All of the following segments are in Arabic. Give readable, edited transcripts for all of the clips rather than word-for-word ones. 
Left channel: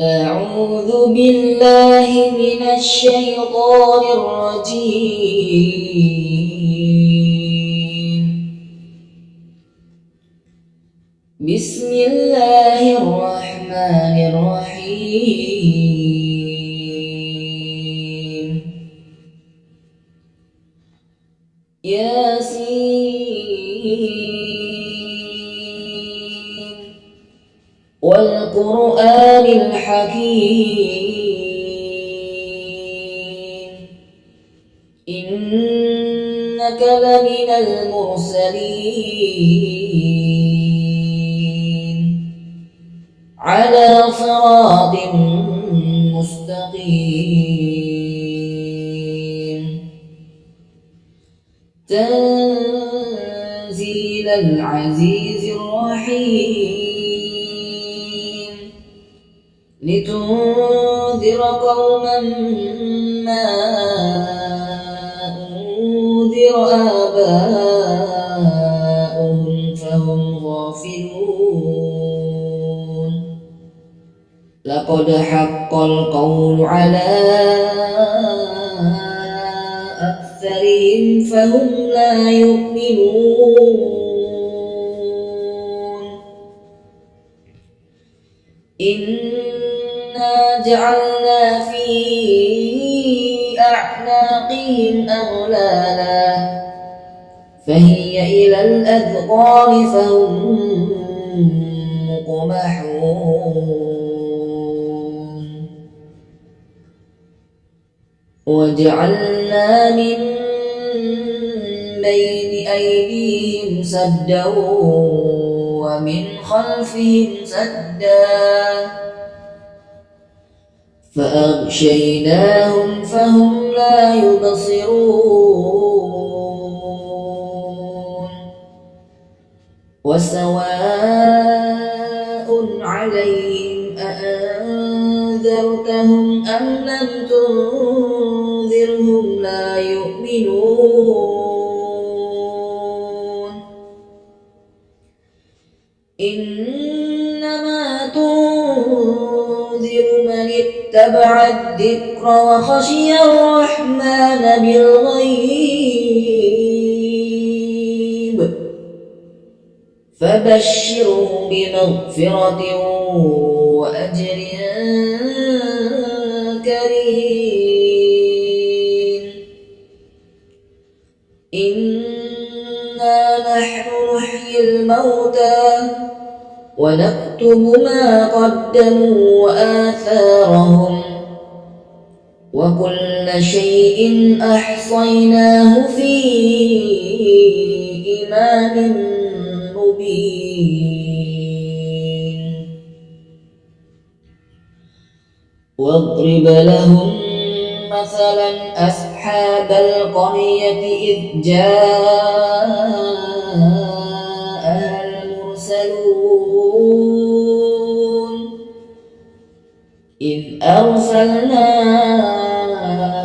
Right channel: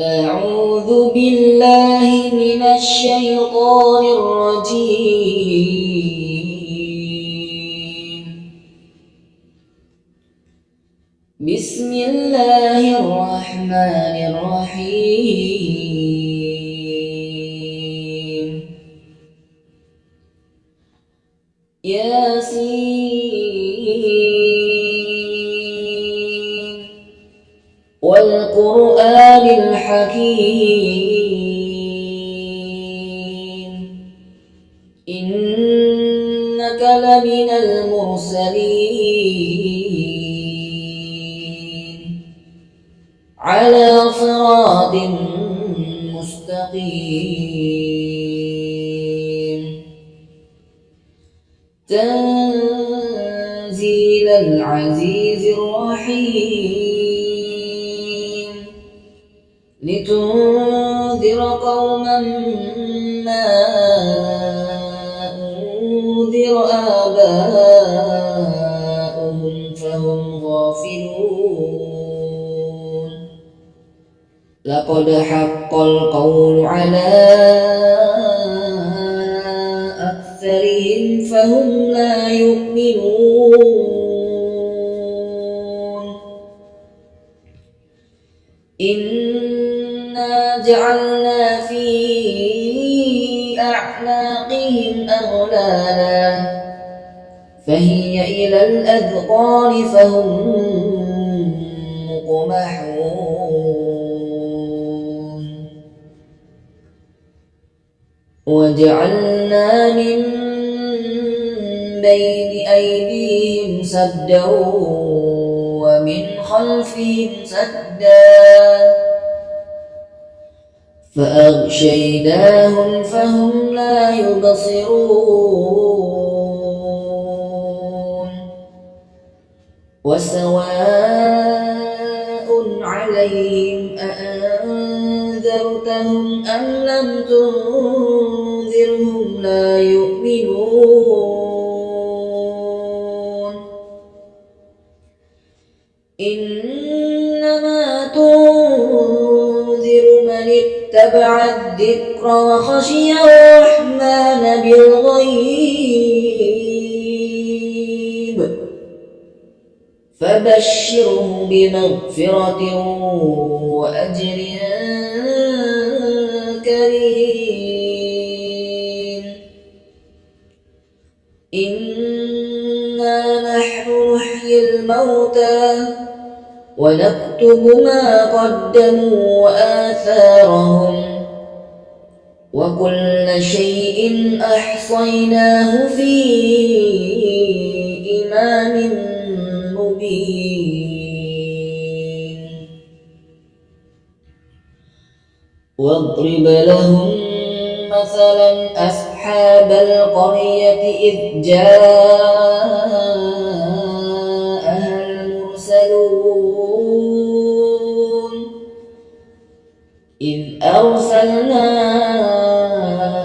أعوذ بالله من الشيطان الرجيم. بسم الله الرحمن الرحيم. ياسين والقرآن الحكيم إنك لمن المرسلين على صراط مستقيم تنزيل العزيز الرحيم لتنذر قوما ما أنذر آباؤهم فهم غافلون لقد حق القول على أكثرهم فهم لا يؤمنون إنا جعلنا في أعناقهم أغلالا فهي إلى الأذقان فهم مقمحون وجعلنا من بين أيديهم سدا ومن خلفهم سدا فأغشيناهم فهم لا يبصرون وسواء عليهم أأنذرتهم أم لم تنذرهم لا يؤمنون إنما تنذر من اتبع الذكر وخشي الرحمن بالغيب فبشره بمغفرة وأجر كريم إنا نحن نحيي الموتى ونكتب ما قدموا وآثارهم وكل شيء أحصيناه في إمام مبين واضرب لهم مثلا أصحاب القرية إذ جاءها المرسلون إذ أرسلنا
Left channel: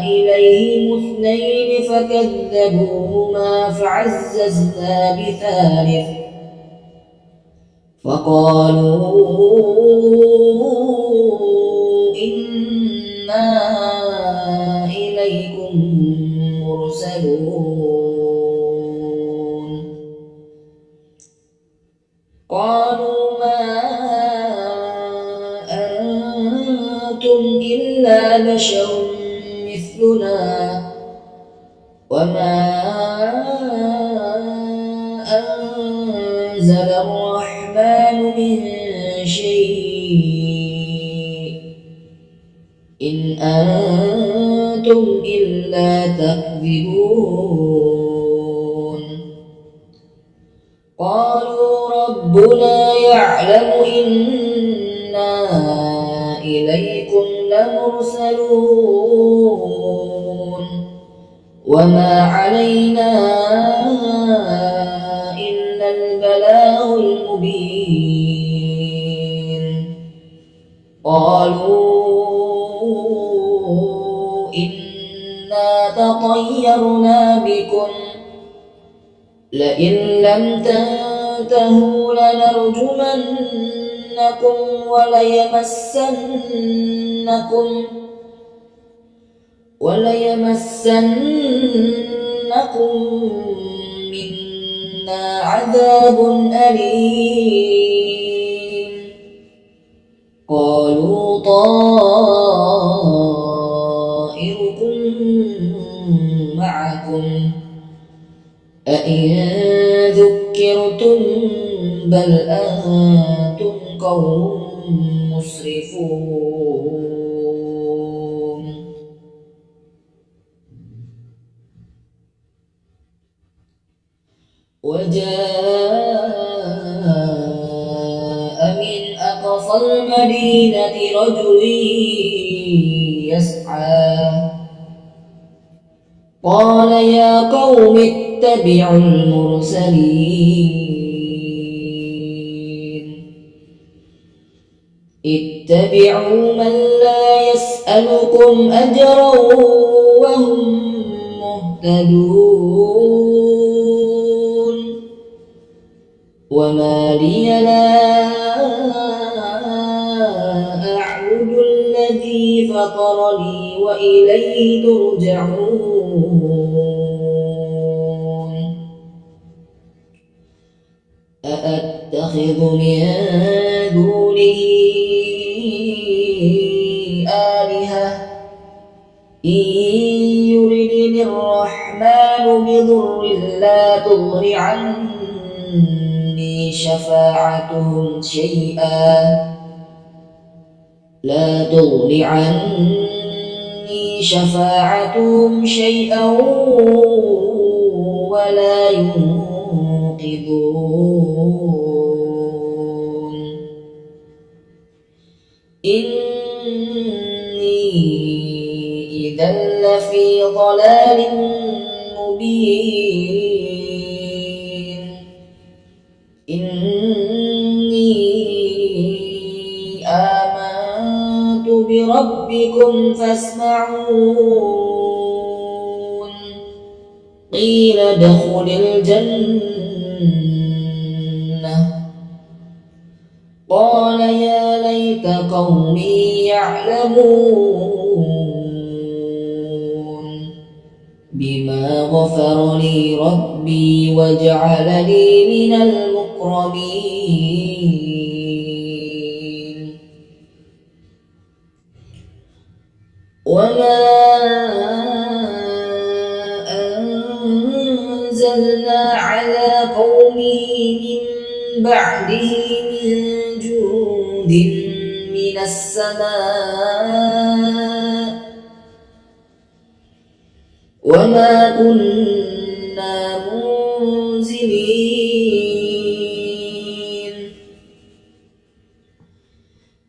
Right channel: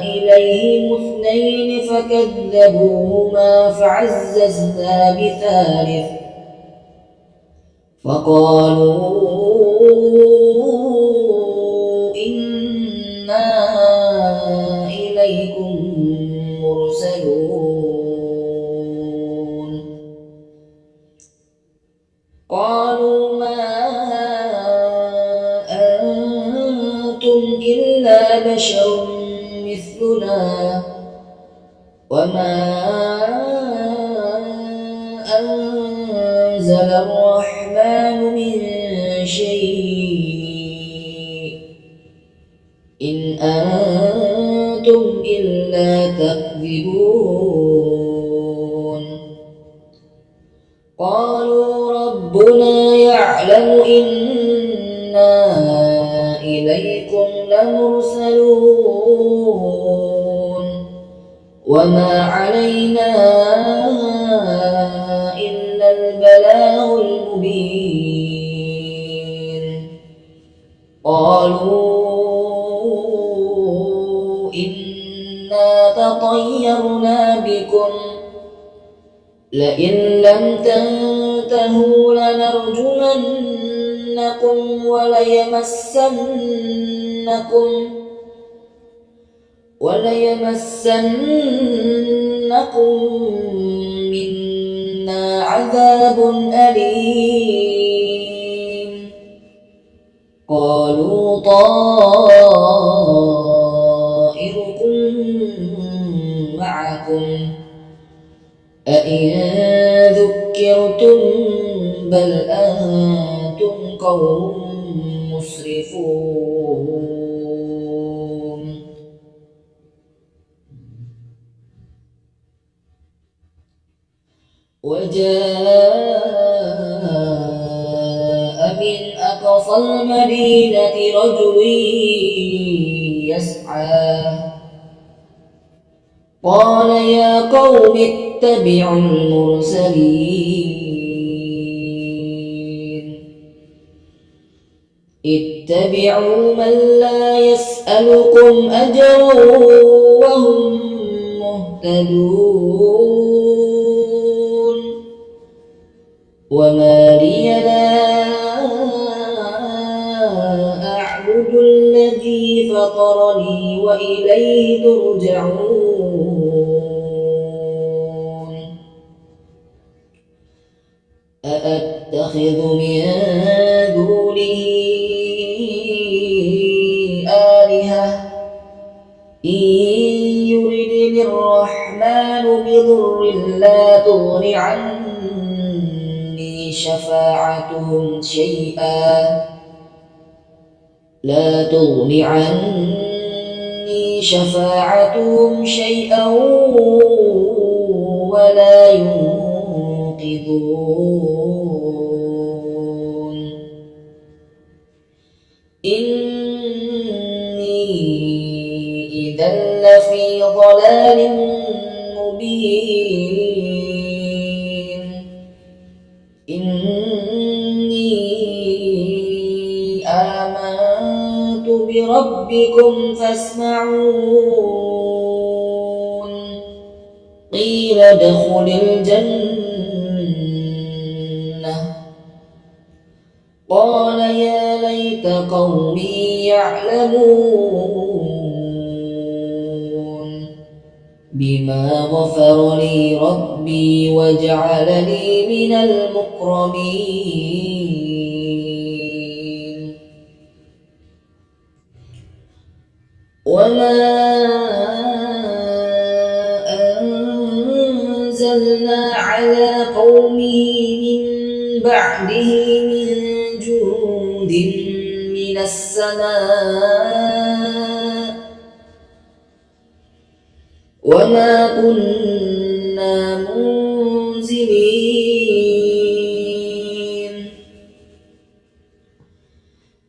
إليهم اثنين فكذبوهما فعززنا بثالث فقالوا إنا إليكم مرسلون قالوا ما أنتم إلا بشر مثلنا وما أنزل الرحمن من شيء إن أنتم إلا تكذبون قالوا ربنا يعلم إنا إليكم لمرسلون وما علينا إلا البلاغ المبين قالوا إنا تطيرنا بكم لئن لم تنتهوا لنرجمن وليمسنكم منا عذاب أليم قالوا طائركم معكم أئن ذكرتم بل أنتم قوم مسرفون وجاء من أقصى المدينة رجل يسعى قال يا قوم اتبعوا المرسلين اتبعوا من لا يسألكم أجرا وهم مهتدون وما لي لا أعبد الذي فطرني وإليه ترجعون أأتخذ من دونه آلهة إن يردني الرحمن بضر لا تغن عني شفاعتهم شيئا ولا ينقذون إني إذا لفي ضلال مبين إني آمنت بربكم فاسمعون قيل ادخل الجنة قال يا ليت قومي يعلمون بما غفر لي ربي وجعلني من المكرمين وما أنزلنا على قومه من بعده من جند من السماء وما كنا منزلين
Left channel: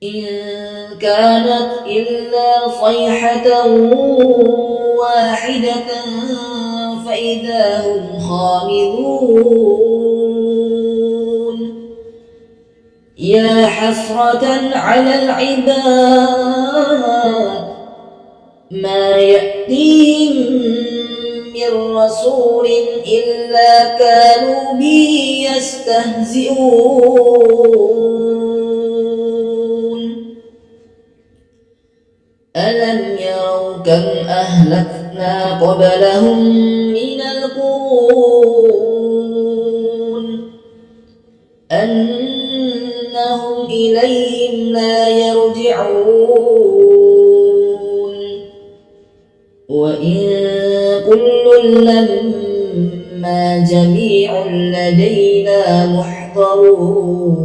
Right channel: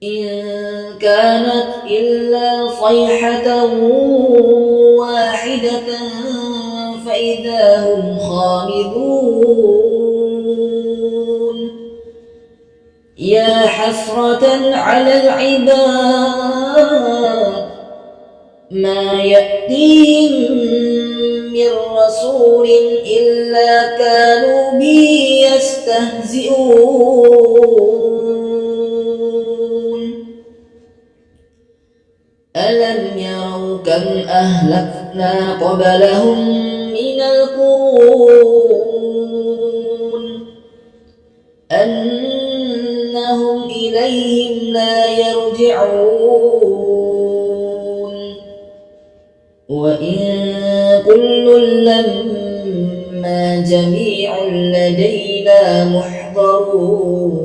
إن كانت إلا صيحة واحدة فإذا هم خامدون يا حسرة على العباد ما يأتيهم من رسول إلا كانوا به يستهزئون ألم يروا كم أهلكنا قبلهم من القرون أنهم إليهم لا يرجعون وإن كل لما جميع لدينا محضرون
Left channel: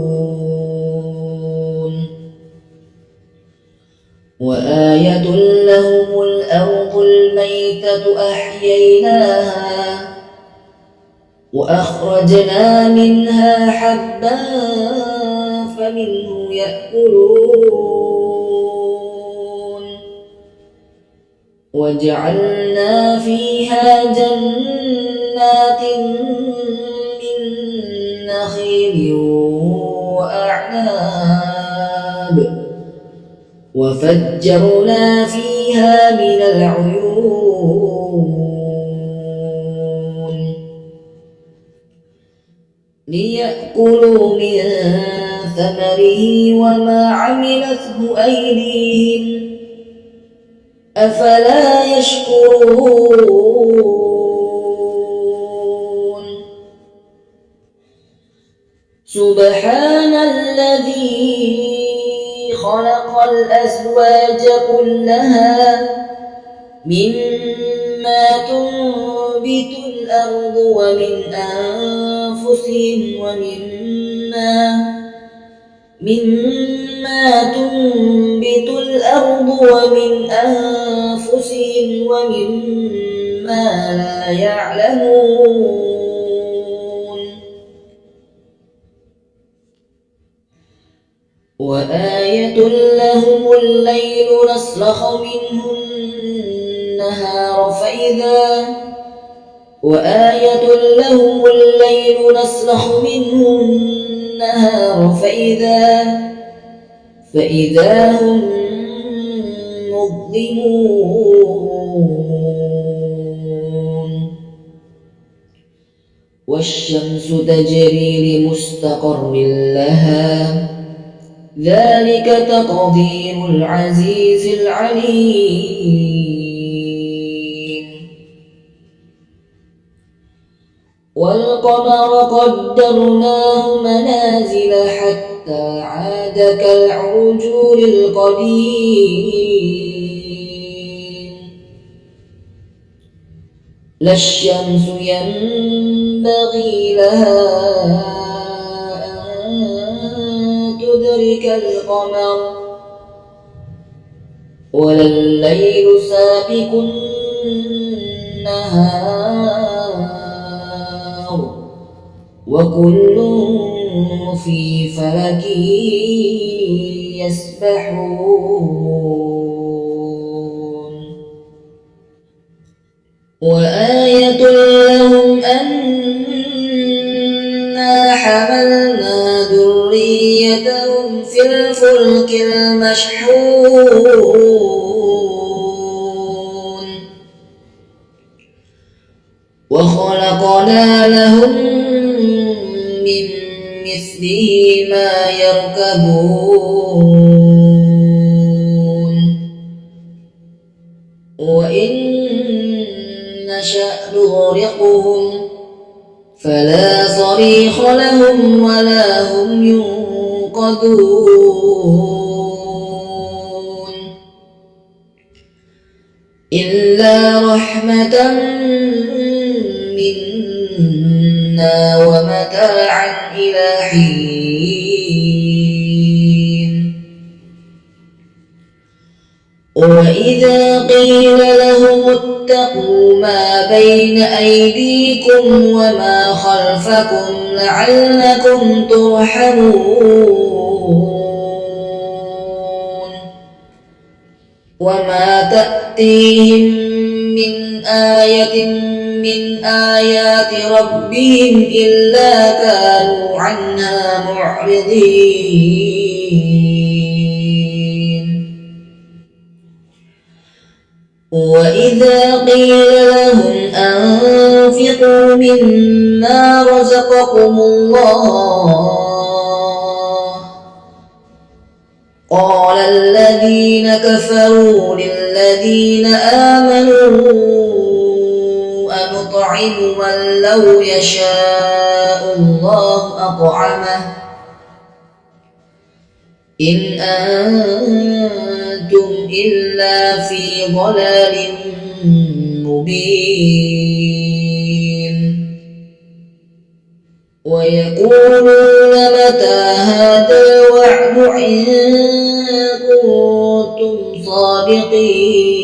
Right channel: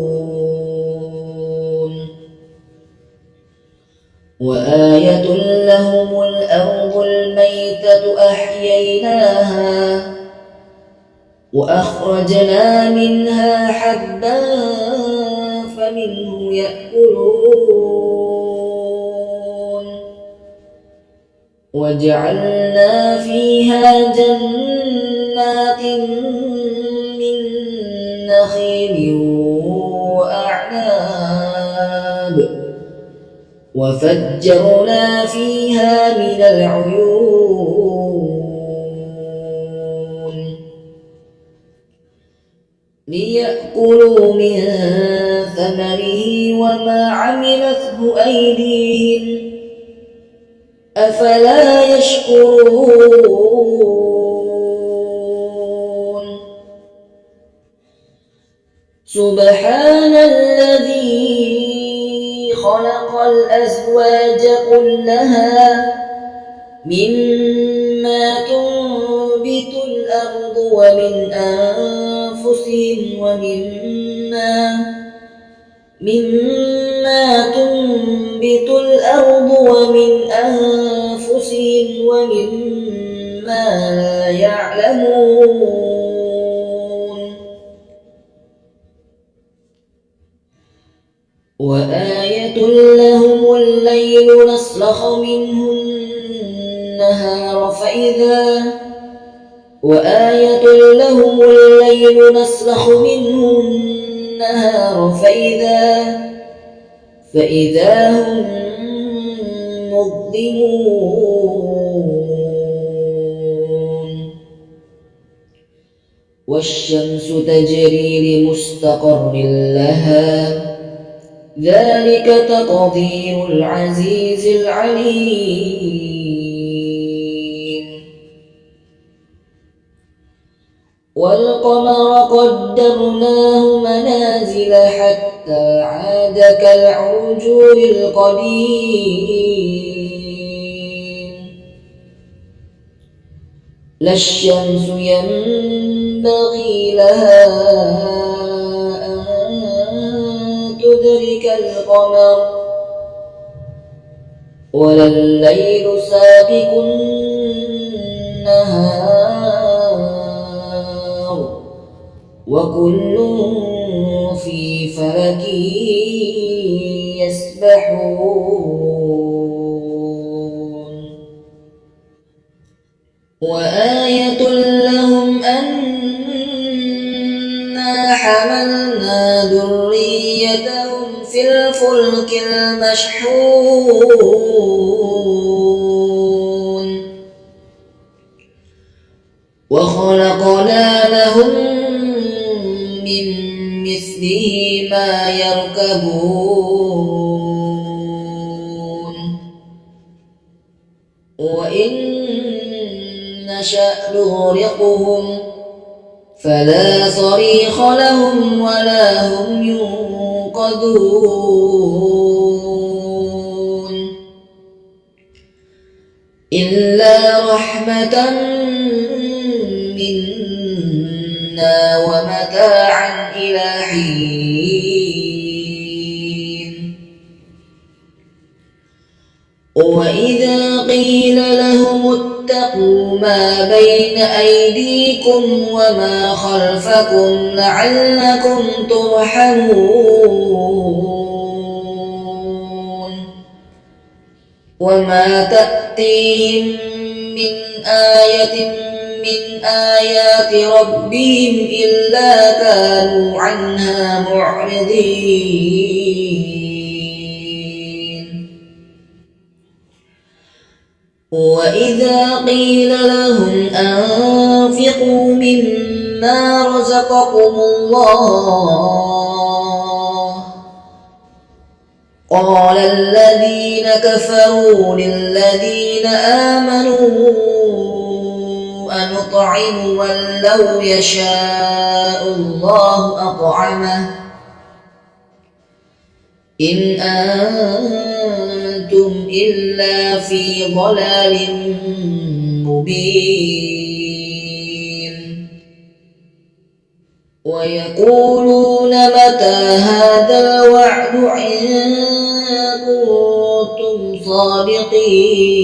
وآية لهم الأرض الميتة أحييناها وأخرجنا منها حبا فمنه يأكلون وجعلنا فيها جنات من نخيل وأعناب وفجرنا فيها من العيون ليأكلوا من ثمره وما عملته أيديهم أفلا يشكرون سبحان الذي خلق الأزواج كلها مما تنبت الأرض ومن أنفسهم ومما لا يعلمون وآية لهم الليل نسلخ منه النهار فإذا هم مظلمون والشمس تجري لمستقر لها ذلك تقدير العزيز العليم والقمر قدرناه منازل حتى عاد كالعرجون القديم لا الشمس ينبغي لها أن تدرك القمر ولا الليل سابق النهار وكل في فلك يسبحون وآية لهم أنا حملنا ذريتهم في الفلك المشحون وخلقنا لهم من مثله ما يركبون وإن نشأ نغرقهم فلا صريخ لهم ولا هم ينقذون إلا رحمة منا ومتاعا إلى حين وإذا قيل لهم اتقوا ما بين أيديكم وما خلفكم لعلكم ترحمون وما تأتيهم من آية من آيات ربهم إلا كانوا عنها معرضين وإذا قيل لهم أنفقوا مما رزقكم الله قال الذين كفروا للذين آمنوا أنطعم من لو يشاء الله أطعمه إن أنتم إلا في ضلال مبين ويقولون متى هذا الوعد إن كنتم صادقين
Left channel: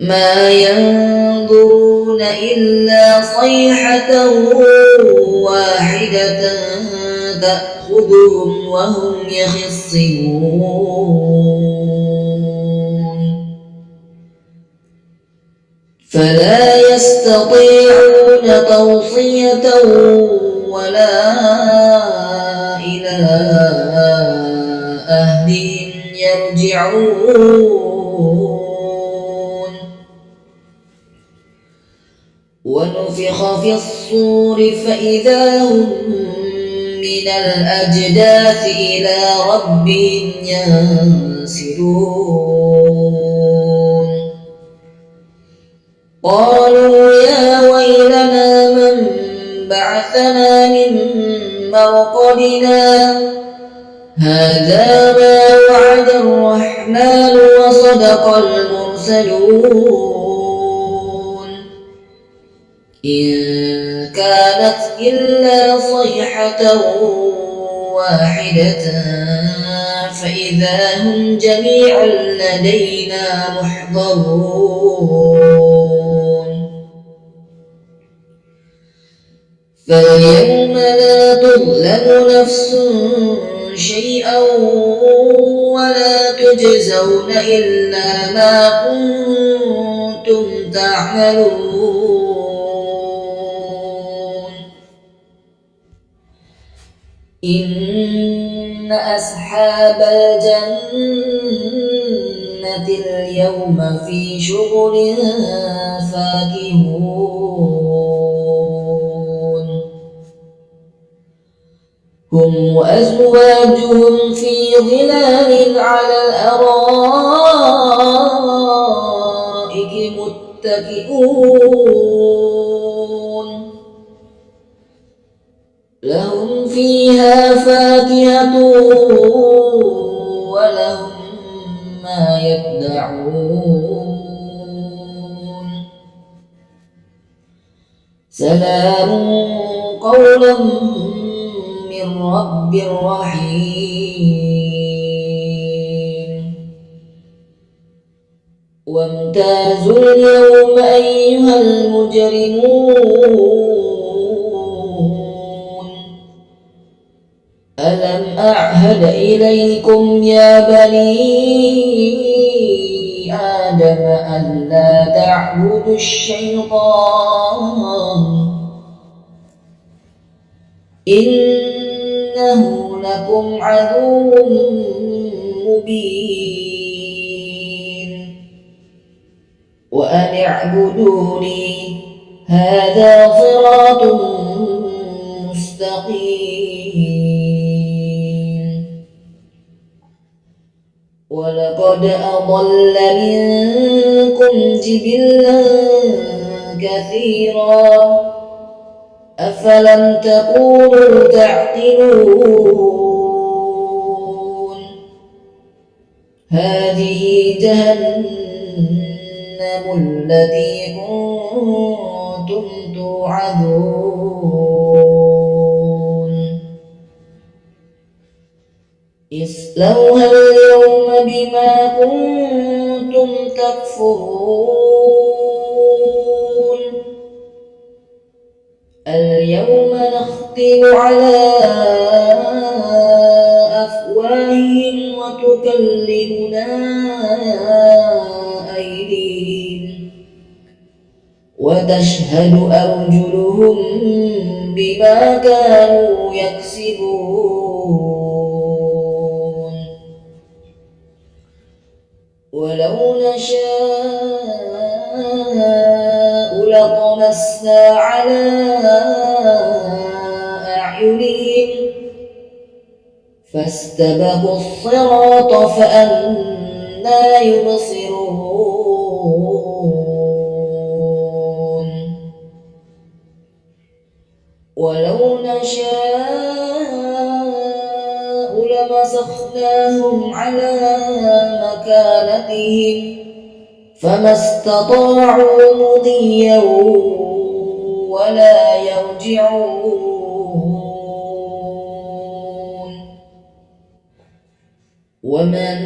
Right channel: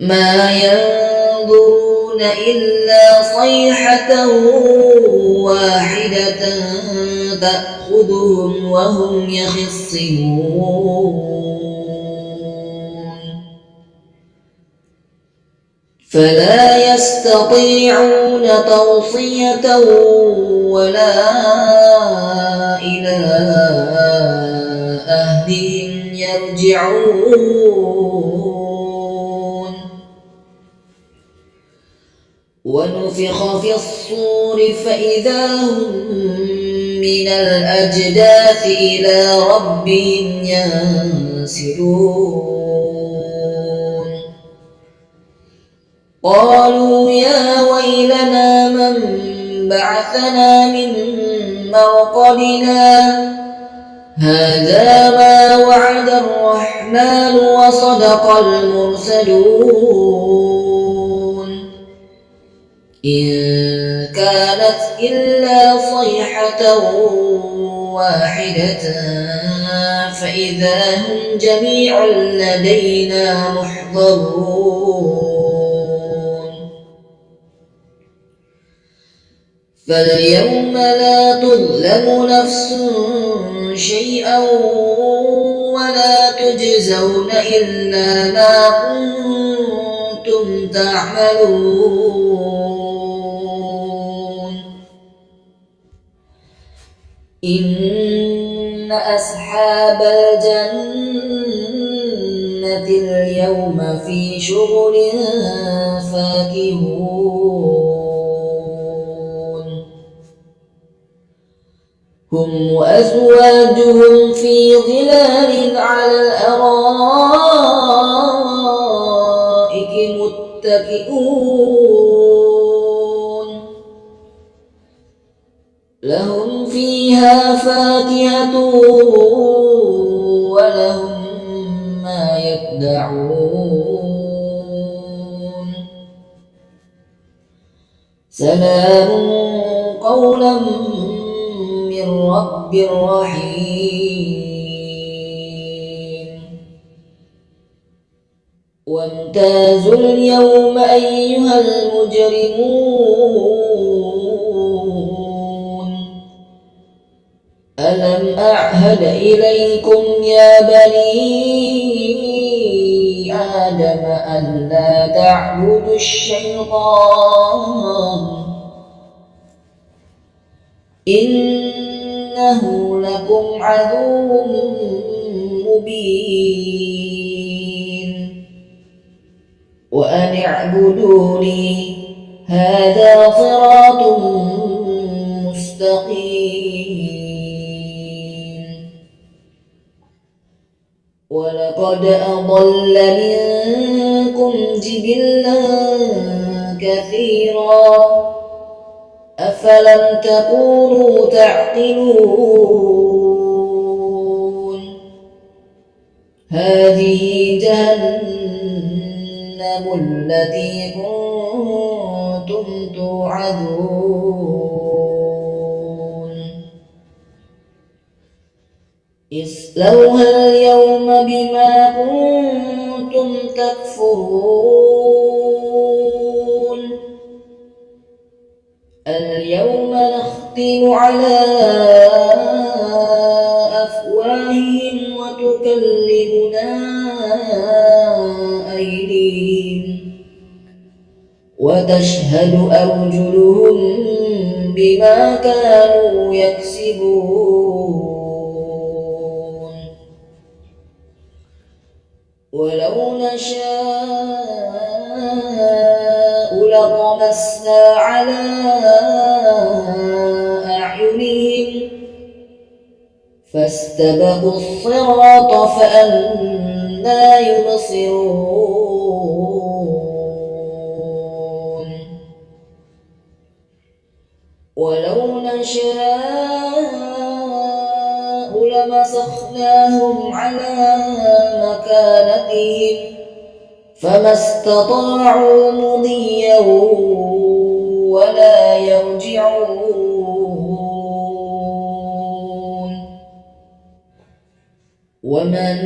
ما ينظرون إلا صيحة واحدة تأخذهم وهم يخصمون فلا يستطيعون توصية ولا إلى أهلهم يرجعون ونفخ ونفخ في الصور فإذا هم من الأجداث إلى ربهم ينسلون قالوا يا ويلنا من بعثنا من مرقدنا هذا ما وعد الرحمن وصدق المرسلون إن كانت إلا صيحة واحدة فإذا هم جميع لدينا محضرون فاليوم لا تظلم نفس شيئا ولا تجزون إلا ما كنتم تعملون إن أصحاب الجنة اليوم في شغل فاكهون هم وأزواجهم في ظلال على الأرائك متكئون لهم فيها فاكهة ولهم ما يدعون سلام قولا من رب رحيم وامتازوا اليوم أيها المجرمون ألم أعهد إليكم يا بني آدم ألا تعبدوا الشيطان إنه لكم عدو مبين وأن اعبدوني هذا صراط مستقيم ولقد أضل منكم جبلا كثيرا أفلم تكونوا تعقلون هذه جهنم التي كنتم توعدون اصلوها اليوم بما كنتم تكفرون اليوم نختم على أفواههم وتكلمنا أيديهم وتشهد أرجلهم بما كانوا يكسبون ولو نشاء لطمسنا على أعينهم فاستبقوا الصراط فأنى يبصرون ولو نشاء لمسخناهم على مكانتهم فما استطاعوا مضيا ولا يرجعون ومن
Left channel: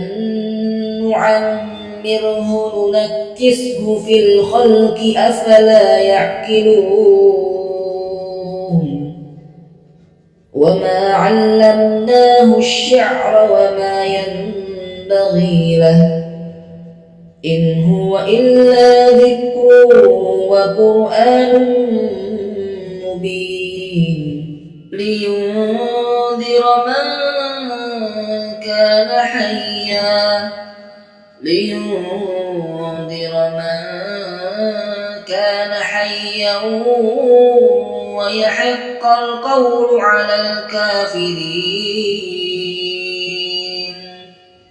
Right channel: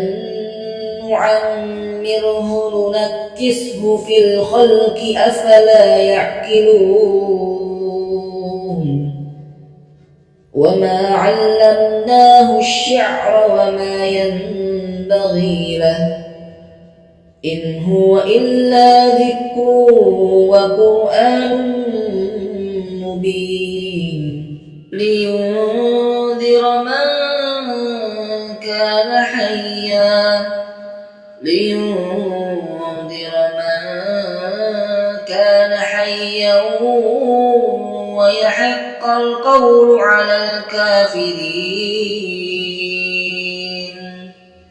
نعمره ننكسه في الخلق أفلا يعقلون وما علمناه الشعر وما ينبغي له إن هو إلا ذكر وقرآن مبين لينذر من كان حيا ويحق القول على الكافرين.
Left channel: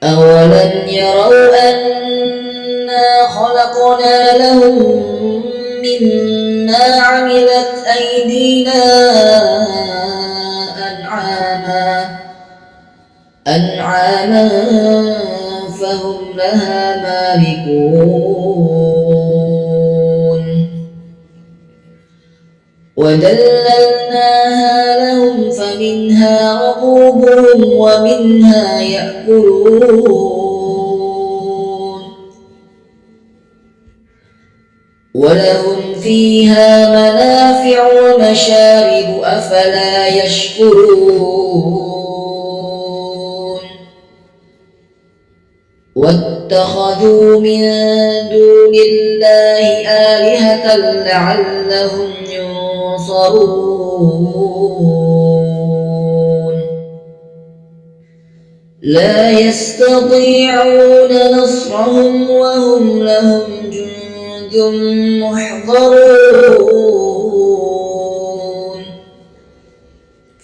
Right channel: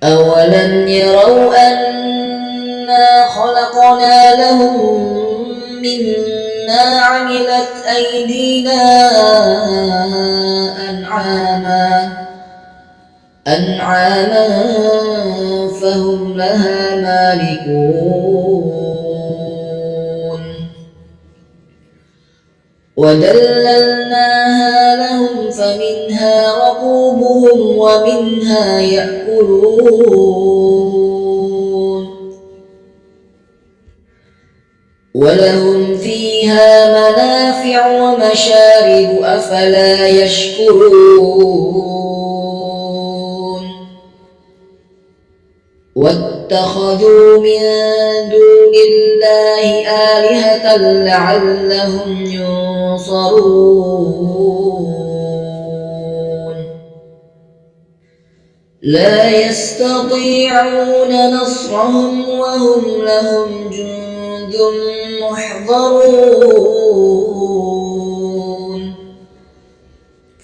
أولم يروا أنا خلقنا لهم مما عملت أيدينا أنعاما فهم لها مالكون وذللناها لهم فمنها ركوبهم ومنها يأكلون ولهم فيها منافع ومشارب أفلا يشكرون واتخذوا من دون الله آلهة لعلهم ينصرون لا يستطيعون نصرهم وهم لهم جند محضرون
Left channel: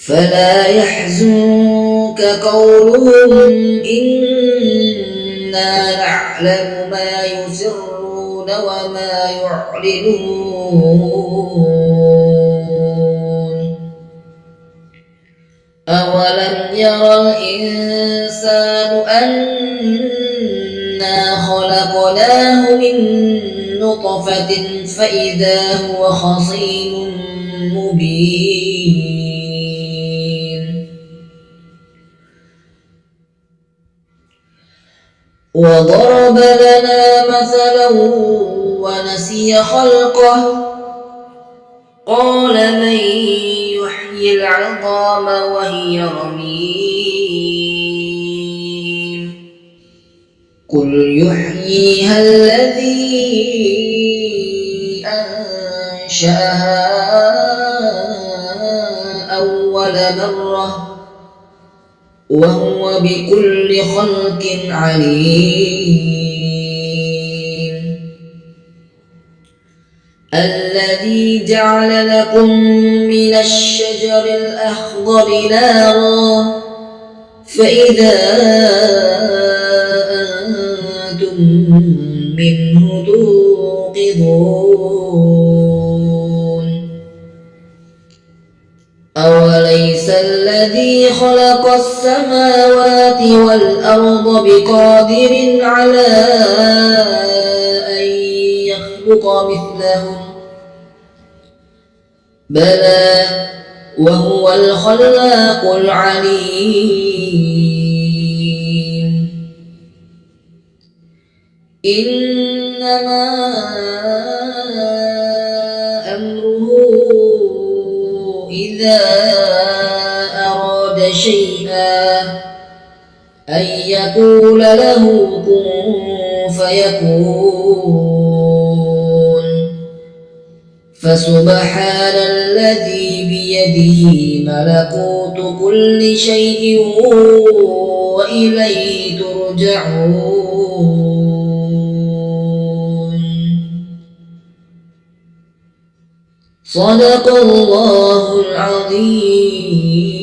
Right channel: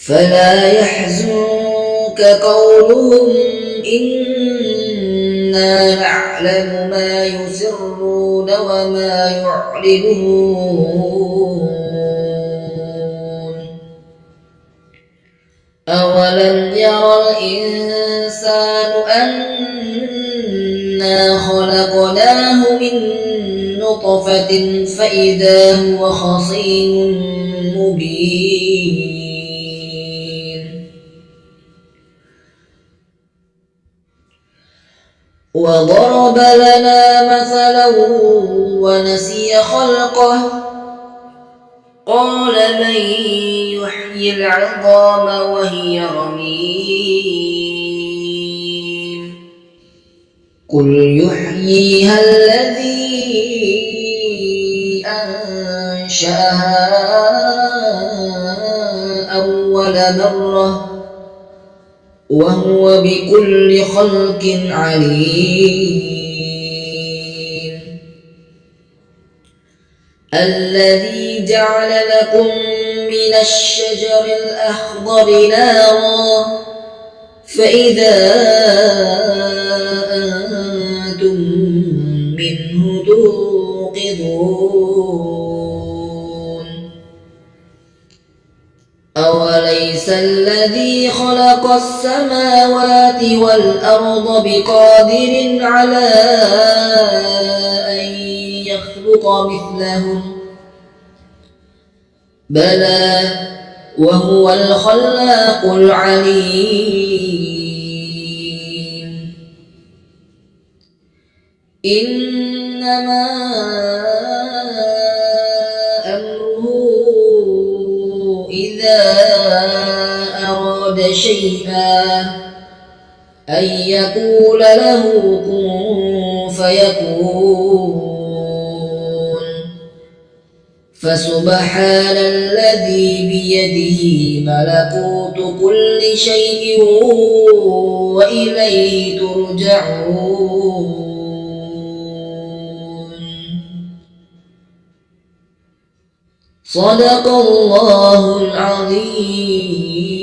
فلا يحزنك قولهم إنا نعلم ما يسرون وما يعلنون أولم ير الإنسان أنا خلقناه من نطفة فإذا هو خصيم مبين وضرب لنا مثلا ونسي خلقه قال من يحيي العظام وهي رميم قل يحييها الذي أنشأها أول مرة وهو بكل خلق عليم الذي جعل لكم من الشجر الأخضر نارا فإذا أنتم منه توقظون أوليس الذي خلق السماوات والأرض بقادر على أن يخلق مثلهم بلى وهو الخلاق العليم إنما أمره إذا أراد شيئا أن يقول له كن فيكون فسبحان الذي بيده ملكوت كل شيء وإليه ترجعون صدق الله العظيم.